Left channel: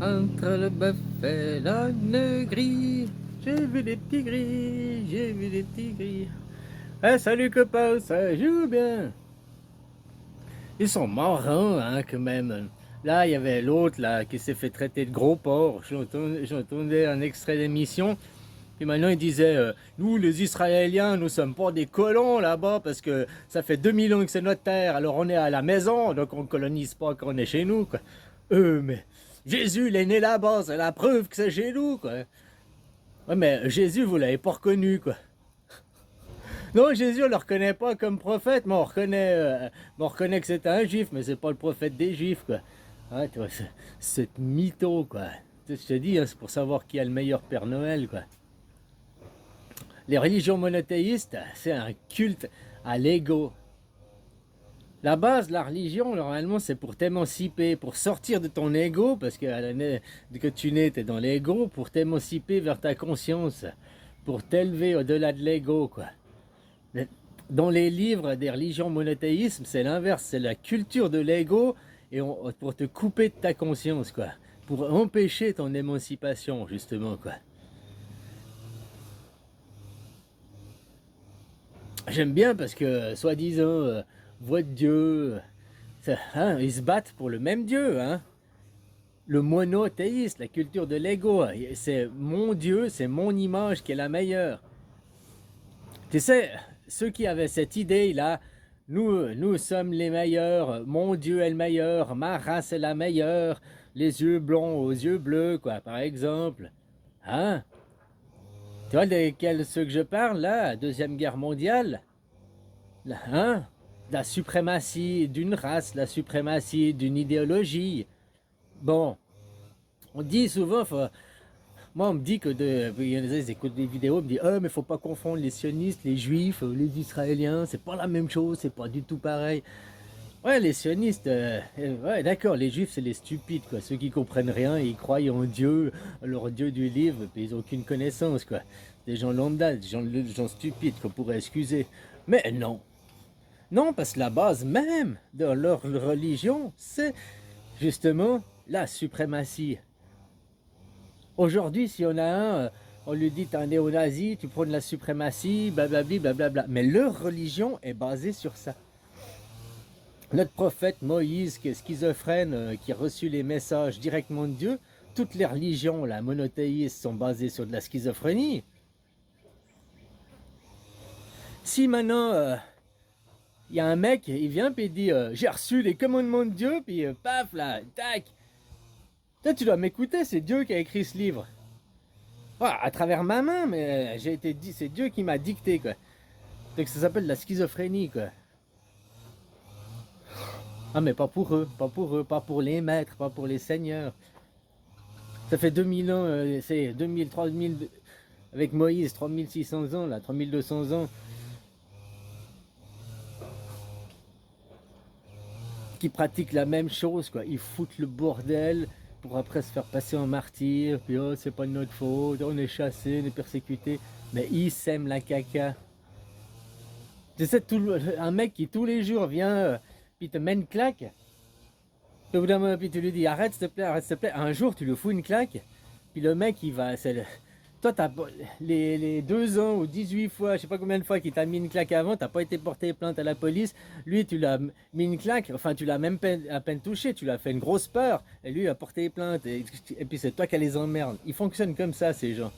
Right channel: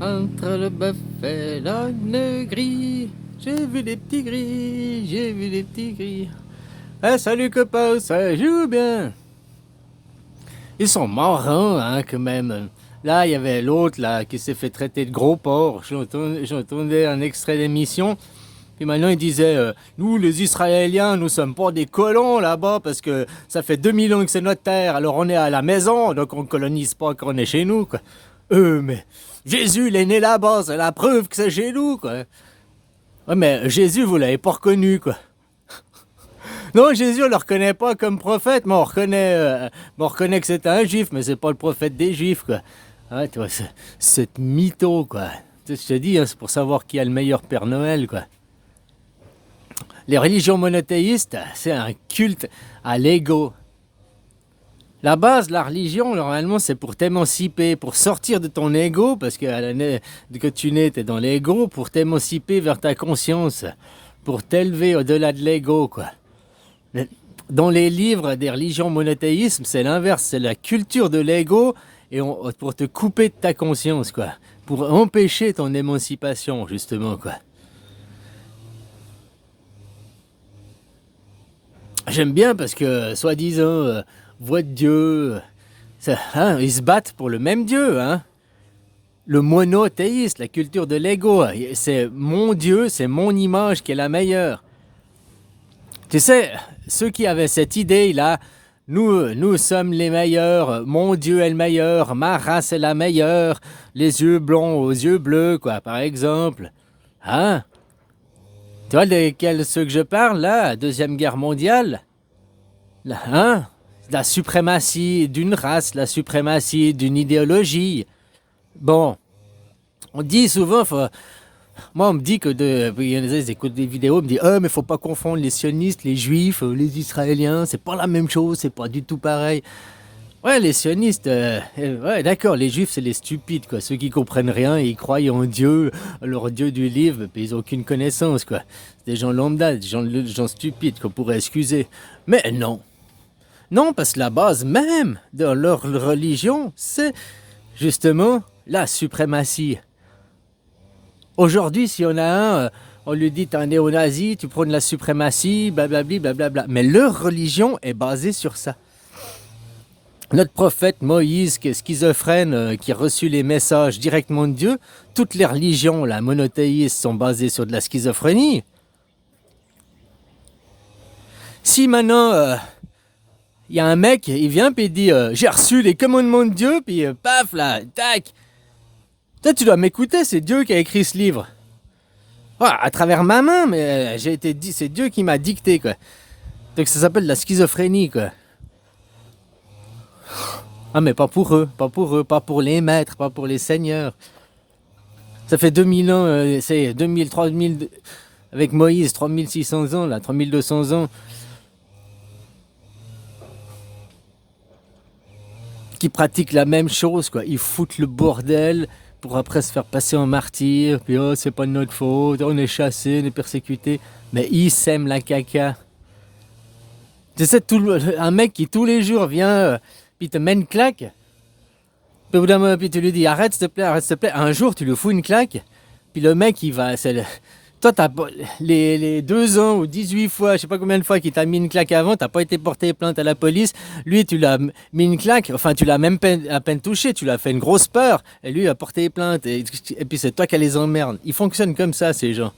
Entre le bœuf et l'âne gris, j'ai vu des petits gris, j'ai vu des petits gris. Eh, salut copain, ça joue bien. Ils sont marrants, hein, quand même. Là, il y avait l'autre, là, qui s'est fait traiter de gros porc. J'entendais un extrait d'émission. Puis maintenant, il disait, nous, les Israéliens, nous sommes pas des colons là-bas parce que ça fait 2000 ans que c'est notre terre. Alors on est à la maison, donc on ne colonise pas quand on est chez nous, quoi. Mais Jésus, il est né là-bas, c'est la preuve que c'est chez nous, quoi. Ouais, mais Jésus, vous l'avez pas reconnu, quoi. Non, Jésus, on le reconnaît pas comme prophète, mais on reconnaît que c'est un juif, mais c'est pas le prophète des juifs, quoi. Ouais, tu vois, c'est mytho, quoi. Tu sais, je te dis, hein, c'est pour savoir qui a le meilleur Père Noël, quoi. Les religions monothéistes, c'est un culte à l'ego. La base de la religion, normalement, c'est pour t'émanciper, pour sortir de ton ego, parce que que tu nais, t'es dans l'ego, pour t'émanciper vers ta conscience, pour t'élever au-delà de l'ego, quoi. Dans les livres des religions monothéismes, c'est l'inverse, c'est la culture de l'ego et pour te couper de ta conscience, quoi. Pour empêcher ton émancipation, justement, quoi. J'aime bien parce que, soi-disant, voix de Dieu, hein, ils se battent pour le même Dieu, hein. Le monothéiste, la culture de l'ego, c'est mon Dieu, c'est mon image qui est la meilleure. Tu sais, ceux qui avaient cette idée-là, nous sommes les meilleurs, mon Dieu est le meilleur, ma race est la meilleure, les yeux blonds aux yeux bleus, quoi, par exemple. Hein? Tu vois de ceux que je parle, là, Deuxième Guerre mondiale? Là, hein? La suprématie d'une race, la suprématie d'une idéologie. Bon, on dit souvent, moi, on me dit que il y en a des écoutent des vidéos, on me dit, ah, mais faut pas confondre les sionistes, les juifs, les Israéliens, c'est pas la même chose, c'est pas du tout pareil. Ouais, les sionistes, ouais, d'accord, les juifs, c'est les stupides, quoi, ceux qui comprennent rien, ils croient en Dieu, leur Dieu du livre, puis ils ont aucune connaissance, quoi. C'est des gens lambda, des gens stupides qu'on pourrait excuser. Mais non, non, parce que la base même de leur religion, c'est justement la suprématie. Aujourd'hui, si on a on lui dit t'es un néo-nazi, tu prônes la suprématie, blablabli, blablabla. Mais leur religion est basée sur ça. Notre prophète Moïse, qui est schizophrène, qui a reçu les messages directement de Dieu, toutes les religions, la monothéistes, sont basées sur de la schizophrénie. Si maintenant, il y a un mec, il vient puis il dit j'ai reçu les commandements de Dieu, puis paf là, tac. Toi, tu dois m'écouter, c'est Dieu qui a écrit ce livre. Ouais, à travers ma main, mais j'ai été dit, c'est Dieu qui m'a dicté, quoi. Donc ça s'appelle la schizophrénie, quoi. Ah, mais pas pour eux, pas pour eux, pas pour les maîtres, pas pour les seigneurs. Ça fait 2000 ans, c'est 2000, 3000, avec Moïse, 3600 ans, là, 3200 ans, qui pratiquent la même chose, quoi. Ils foutent le bordel pour après se faire passer en martyr, puis oh, c'est pas de notre faute, on est chassé, on est persécuté. Mais ils sèment la caca. Tu sais, un mec qui tous les jours vient, puis te met une claque, puis au bout d'un moment, puis tu lui dis arrête s'il te plaît, arrête s'il te plaît. Un jour, tu lui fous une claque, puis le mec, il va. Toi, les 2 ans ou 18 fois, je sais pas combien de fois qu'il t'a mis une claque avant, t'as pas été porté plainte à la police. Lui, tu l'as mis une claque, enfin, tu l'as même à peine touché, tu l'as fait une grosse peur, et lui a porté plainte, et puis c'est toi qui les emmerdes. Ils fonctionnent comme ça, ces gens.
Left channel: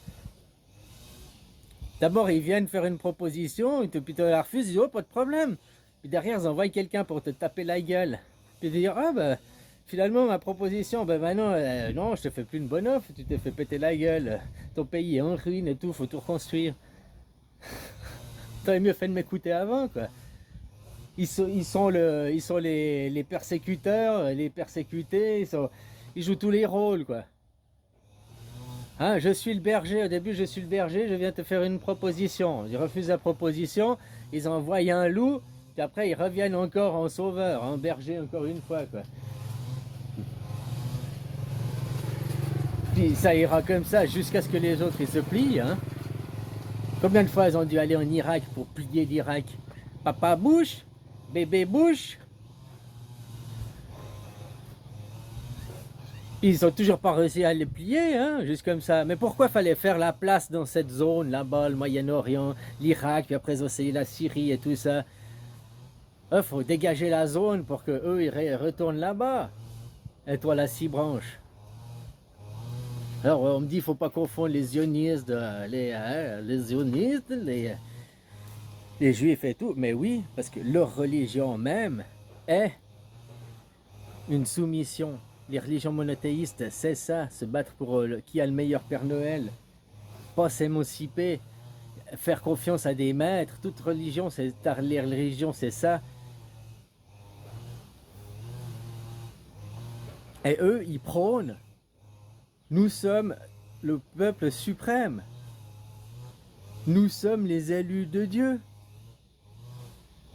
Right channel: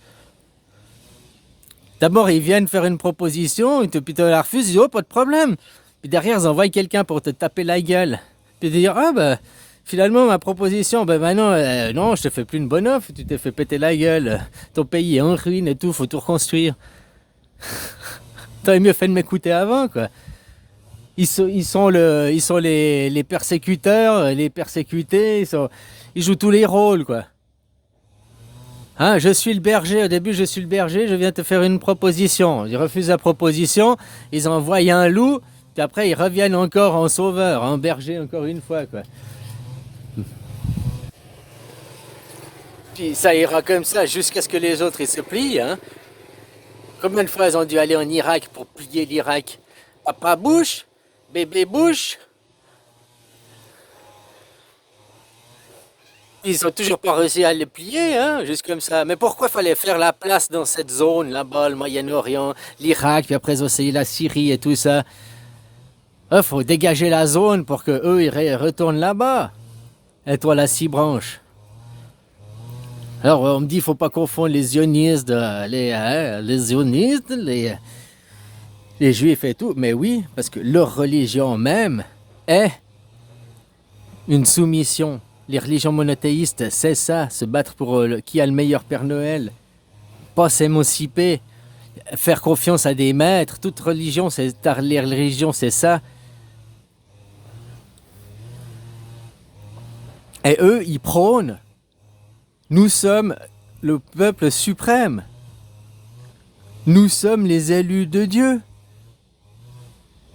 D'abord, ils viennent faire une proposition, puis tu la refuses, ils disent oh, pas de problème. Puis derrière, ils envoient quelqu'un pour te taper la gueule. Puis te dire ah, bah, finalement, ma proposition, ben maintenant, non, je te fais plus une bonne offre, tu t'es fait péter la gueule. Ton pays est en ruine et tout, faut tout reconstruire. T'aurais mieux fait de m'écouter avant, quoi. Ils sont les persécuteurs, les persécutés, ils jouent tous les rôles, quoi. Hein, je suis le berger, au début je suis le berger, je viens te faire une proposition. Ils refusent la proposition, ils envoient un loup, puis après ils reviennent encore en sauveur, en berger encore une fois, quoi. Puis ça ira comme ça jusqu'à ce que les autres ils se plient, hein. Combien de fois ils ont dû aller en Irak pour plier l'Irak? Papa Bush, bébé Bush. Puis ils ont toujours pas réussi à les plier, hein, juste comme ça. Mais pourquoi fallait faire la place dans cette zone là-bas, le Moyen-Orient, l'Irak, puis après aussi la Syrie et tout ça? Il faut dégager la zone pour que eux ils retournent là-bas. Et toi, la six branches. Alors, on me dit, il faut pas confondre les zionistes, les zionistes, les juifs et tout. Mais oui, parce que leur religion même est une soumission. Les religions monothéistes, c'est ça, se battre pour qui a le meilleur Père Noël. Pas s'émanciper, faire confiance à des maîtres. Toute religion, les religions, c'est ça. Et eux, ils prônent. Nous sommes le peuple suprême. Nous sommes les élus de Dieu.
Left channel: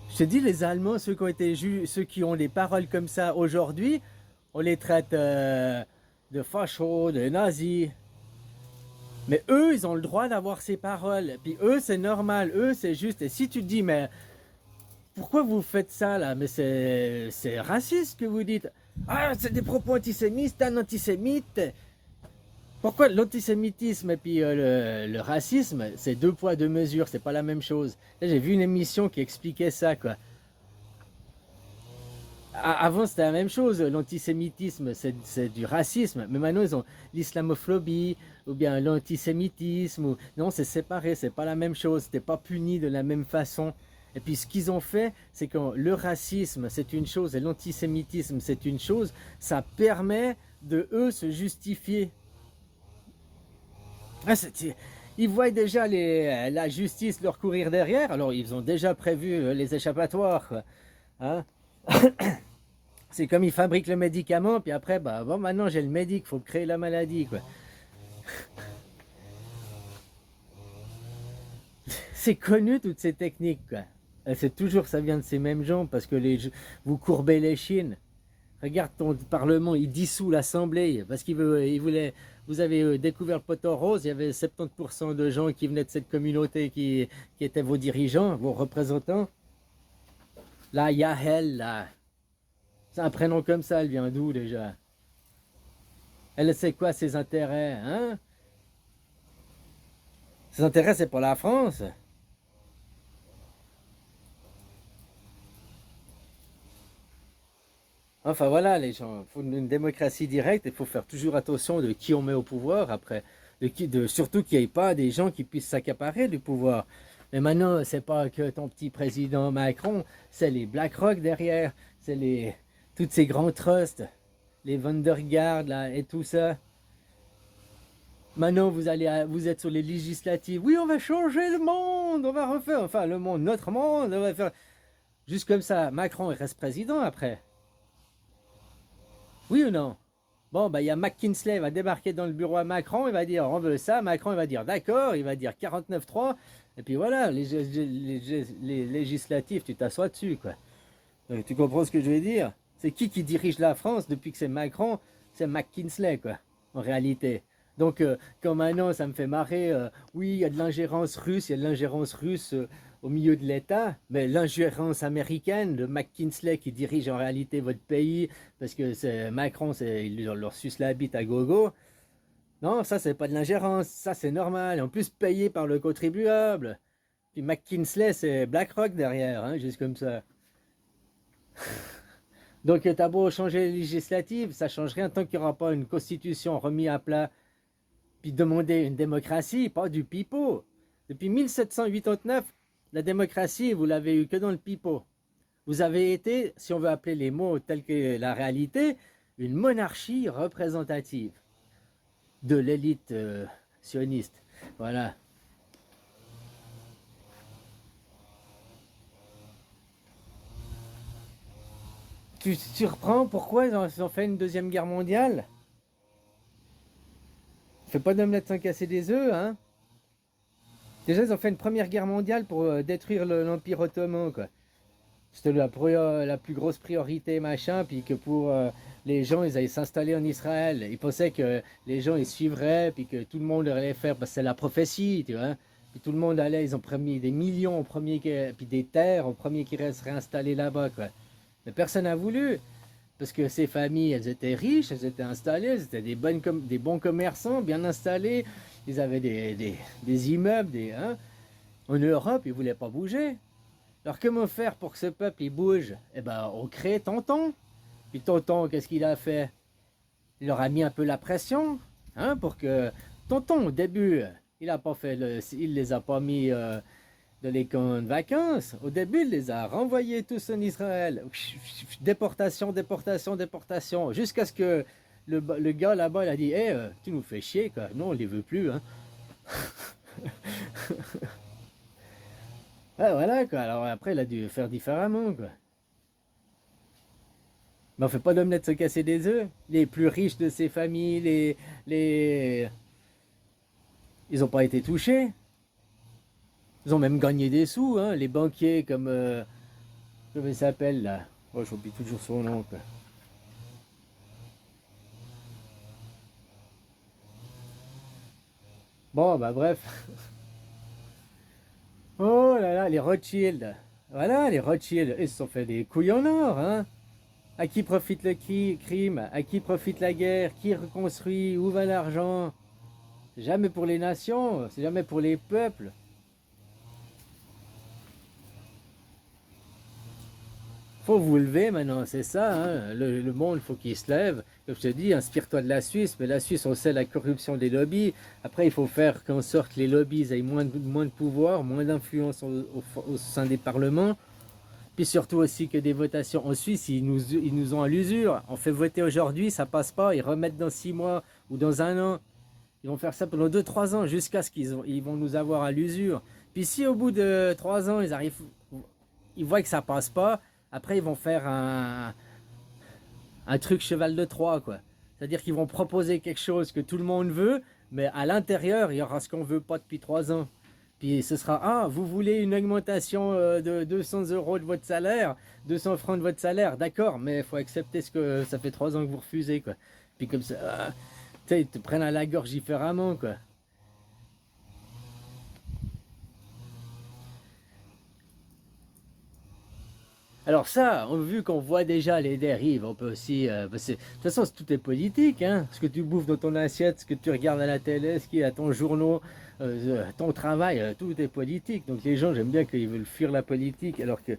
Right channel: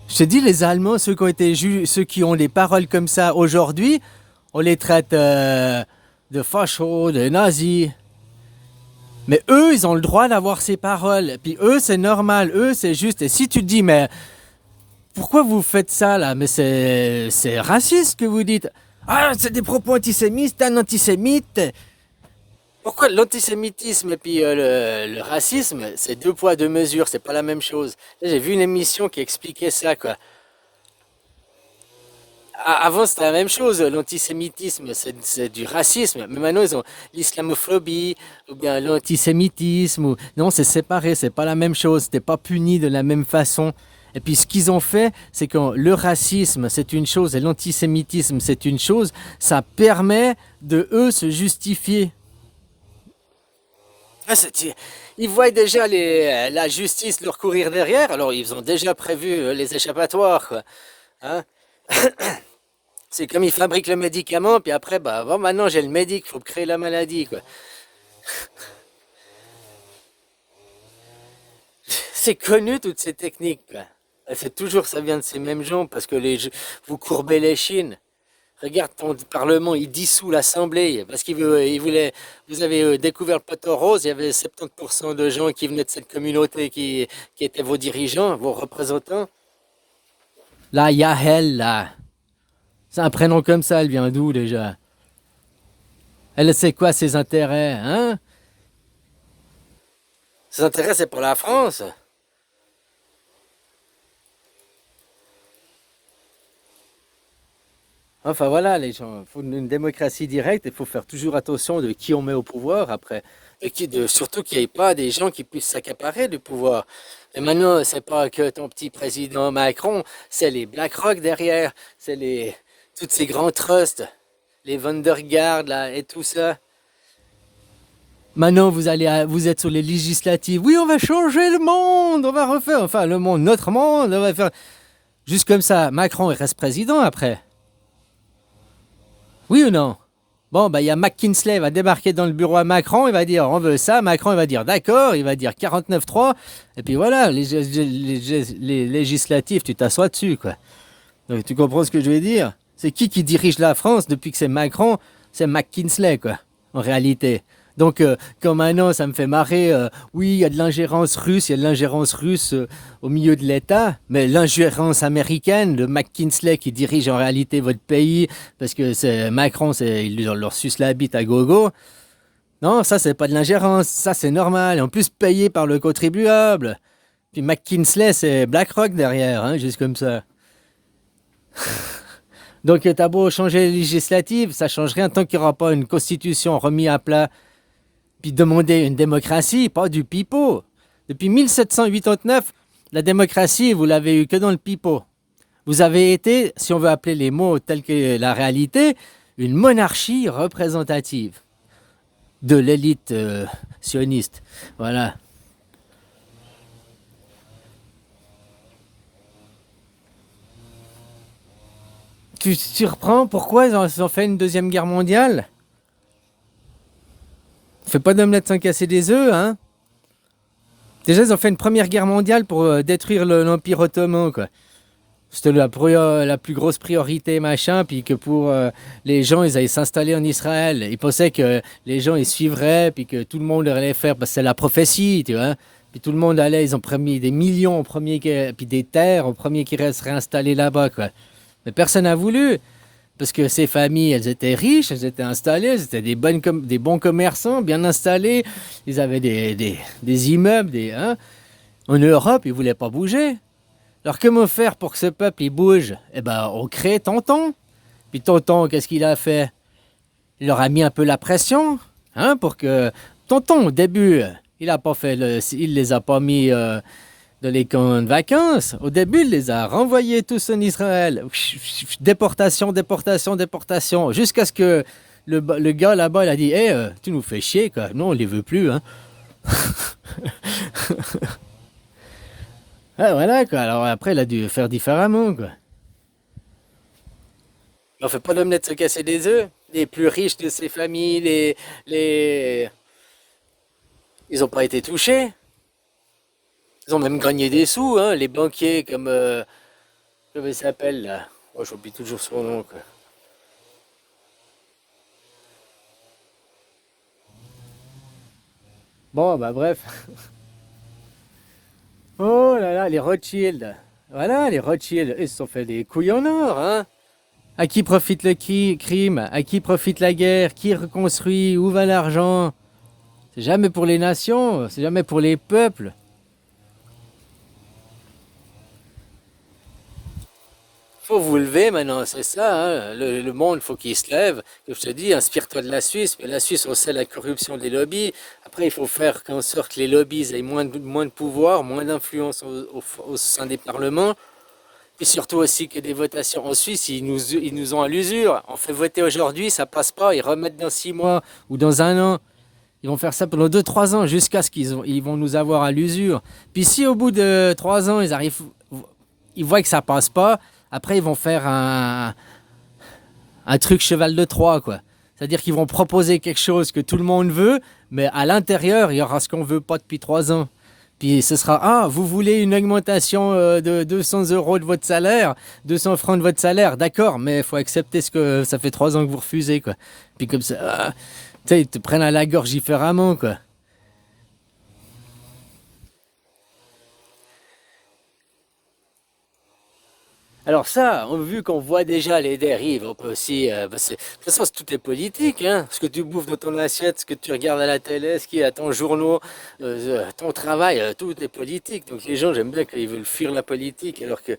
Je te dis, les Allemands, ceux qui ont ceux qui ont des paroles comme ça aujourd'hui, on les traite de fachos, de nazis. Mais eux, ils ont le droit d'avoir ces paroles. Puis eux, c'est normal. Eux, c'est juste. Et si tu te dis, mais pourquoi vous faites ça là? Mais c'est raciste que vous dites. Ah, c'est des propos antisémites, t'es un antisémite. Pourquoi l'antisémitisme et puis le racisme, c'est deux poids, deux mesures, c'est pas la même chose. J'ai vu une émission qui expliquait ça, quoi. Avant, c'était la même chose. L'antisémitisme, c'est du racisme. Mais maintenant, ils ont l'islamophobie ou bien l'antisémitisme. Non, c'est séparé. C'est pas la même chose. C'était pas puni de la même façon. Et puis, ce qu'ils ont fait, c'est que le racisme, c'est une chose et l'antisémitisme, c'est une chose. Ça permet de eux se justifier. Ils voient déjà la justice leur courir derrière. Alors, ils ont déjà prévu les échappatoires, quoi. Hein? C'est comme ils fabriquent le médicament, puis après, bah, bon, maintenant j'ai le médic, il faut créer la maladie, quoi. C'est connu, toutes ces techniques, quoi. Et c'est toujours, ça vient de ces mêmes gens, parce que vous courbez les chines. Regarde ton parlement, il dissout l'Assemblée, parce il voulait, vous avez découvert le poteau rose, il y avait 70% de gens qui venaient de cette communauté qui étaient vos dirigeants, vos représentants. Là, Yahel, là. C'est un prénom comme ça, elle vient d'où déjà? Elle sait quoi ses intérêts, hein? Ses intérêts, c'est pour la France. Enfin voilà, les gens, il faut une démocratie directe, il faut faire toujours attention de qui on met au pouvoir après. Et surtout qu'il n'y ait pas des gens qui puissent s'accaparer du pouvoir. Et maintenant, c'est pas que ton petit président Macron, c'est les BlackRock derrière, c'est tous ces grands trusts, les Vandergaard là, et tout ça. Maintenant, vous êtes sur les législatives. Oui, on va changer le monde, on va refaire, enfin le monde, notre monde, on va faire. Juste comme ça, Macron il reste président après. Oui ou non? Bon, bah, il y a McKinsey, il va débarquer dans le bureau à Macron, il va dire on veut ça. Macron, il va dire d'accord, il va dire 49-3. Et puis voilà, les législatifs, tu t'assois dessus, quoi. Donc, tu comprends ce que je veux dire? C'est qui dirige la France depuis que c'est Macron? C'est McKinsey, quoi, en réalité. Donc, quand maintenant, ça me fait marrer, oui, il y a de l'ingérence russe, il y a de l'ingérence russe au milieu de l'État, mais l'ingérence américaine, de McKinsey qui dirige en réalité votre pays, parce que c'est Macron, il leur suce la bite à gogo. Non, ça, c'est pas de l'ingérence, ça, c'est normal. En plus, payé par le contribuable. Puis McKinsey, c'est BlackRock derrière, hein, juste comme ça. Donc, t'as beau changer les législatives, ça change rien tant qu'il n'y aura pas une constitution remise à plat. Puis demander une démocratie, pas du pipeau. Depuis 1789, la démocratie, vous l'avez eu que dans le pipeau. Vous avez été, si on veut appeler les mots tels que la réalité, une monarchie représentative de l'élite sioniste. Voilà. Tu reprends pourquoi ils ont fait une deuxième guerre mondiale? Fais pas d'omelette sans casser des œufs, hein? Déjà, ils ont fait une première guerre mondiale pour détruire l'Empire ottoman, quoi. C'était la plus grosse priorité, machin, puis que pour les gens, ils allaient s'installer en Israël. Ils pensaient que les gens, ils suivraient, puis que tout le monde allait faire, parce que c'est la prophétie, tu vois. Puis tout le monde allait, ils ont promis des millions, puis des terres, au premier qui seraient installés là-bas, quoi. Mais personne n'a voulu. Parce que ces familles, elles étaient riches, elles étaient installées, elles étaient des bons commerçants, bien installés. Ils avaient des immeubles, hein. En Europe, ils ne voulaient pas bouger. Alors comment faire pour que ce peuple il bouge? Eh ben, on crée Tonton. Puis Tonton, qu'est-ce qu'il a fait? Il leur a mis un peu la pression, hein, pour que Tonton, au début, il a pas fait il les a pas mis dans les camps de vacances. Au début, il les a renvoyés tous en Israël. Déportation, déportation, déportation, jusqu'à ce que le gars là-bas, il a dit, hey, tu nous fais chier, quoi. Non, on les veut plus, hein. Ah, voilà, quoi. Alors après, il a dû faire différemment, quoi. Mais on fait pas d'omelette se casser des œufs. Les plus riches de ces familles, ils ont pas été touchés. Ils ont même gagné des sous, hein. Les banquiers comme... comment il s'appelle, là? Oh, j'oublie toujours son nom, quoi. Bon, bah bref. Oh là là, les Rothschild. Voilà, les Rothschild, ils se sont fait des couilles en or, hein. À qui profite le crime? À qui profite la guerre? Qui reconstruit? Où va l'argent? C'est jamais pour les nations, c'est jamais pour les peuples. Faut vous lever maintenant, c'est ça, hein. Le monde, faut qu'il se lève. Comme je te dis, inspire-toi de la Suisse, mais la Suisse, on sait la corruption des lobbies. Après, il faut faire qu'en sorte que les lobbies aient moins de pouvoir, moins d'influence au sein des parlements. Puis surtout aussi que des votations en Suisse, ils nous ont à l'usure. On fait voter aujourd'hui, ça passe pas, ils remettent dans 6 mois ou dans un an. Ils vont faire ça pendant 2, 3 ans jusqu'à ce ils vont nous avoir à l'usure. Puis si au bout de 3 ans, ils voient que ça passe pas, après ils vont faire un truc cheval de Troie, quoi. C'est-à-dire qu'ils vont proposer quelque chose que tout le monde veut, mais à l'intérieur, il y aura ce qu'on veut pas depuis 3 ans. Puis ce sera, ah, vous voulez une augmentation de 200 euros de votre salaire, 200 francs de votre salaire, d'accord, mais il faut accepter ce que ça fait 3 ans que vous refusez, quoi. Puis comme ça, tu sais, ils te prennent à la gorge différemment, quoi. Alors ça, vu qu'on voit déjà les dérives, on peut aussi... de toute façon, tout est politique, hein. Ce que tu bouffes dans ton assiette, ce que tu regardes à la télé, ce qui est à ton journal, ton travail, tout est politique. Donc les gens, j'aime bien qu'ils veulent fuir la politique, alors que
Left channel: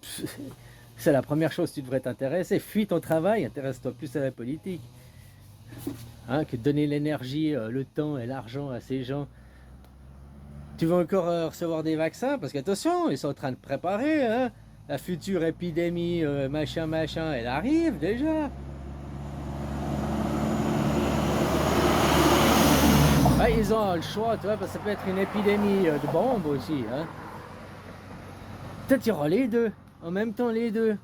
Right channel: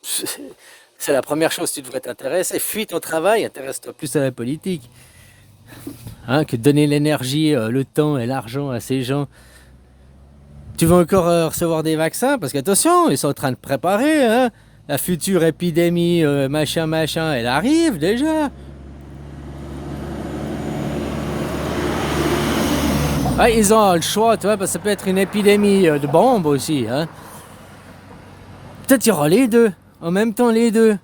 c'est la première chose que tu devrais t'intéresser. Fuis ton travail, intéresse-toi plus à la politique, hein, que de donner l'énergie, le temps et l'argent à ces gens. Tu vas encore recevoir des vaccins, parce qu'attention, ils sont en train de préparer, hein. La future épidémie, machin, machin, elle arrive déjà. Ah, ils ont le choix, tu vois, parce que ça peut être une épidémie de bombes aussi, hein. Peut-être il y aura les deux, en même temps les deux.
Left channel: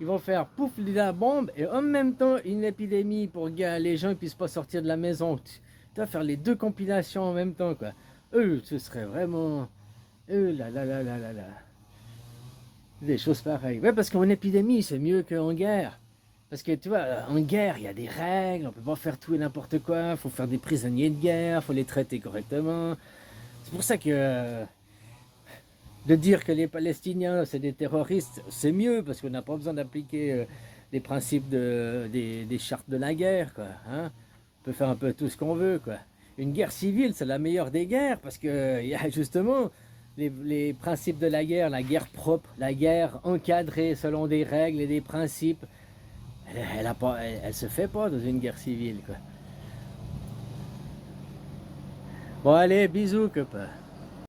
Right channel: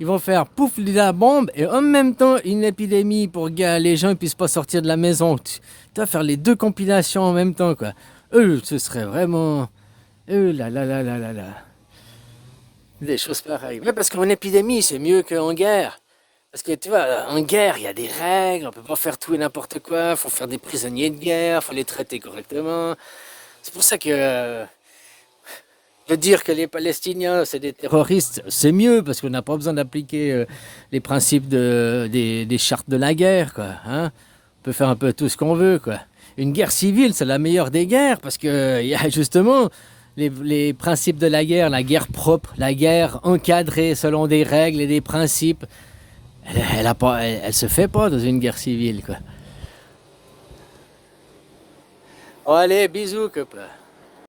Ils vont faire pouf la bombe et en même temps une épidémie pour que les gens ne puissent pas sortir de la maison. Tu vas faire les deux compilations en même temps, quoi. Ce serait vraiment... là là là là là là. Des choses pareilles. Ouais, parce qu'en épidémie, c'est mieux qu'en guerre. Parce que tu vois, en guerre, il y a des règles, on peut pas faire tout et n'importe quoi, il faut faire des prisonniers de guerre, il faut les traiter correctement. C'est pour ça que de dire que les Palestiniens, c'est des terroristes, c'est mieux, parce qu'on n'a pas besoin d'appliquer les principes des chartes de la guerre, quoi, hein. On peut faire un peu tout ce qu'on veut, quoi. Une guerre civile, c'est la meilleure des guerres, parce que il y a justement les principes de la guerre propre, la guerre encadrée selon des règles et des principes. Elle se fait pas dans une guerre civile, quoi. Bon, allez, bisous, copain.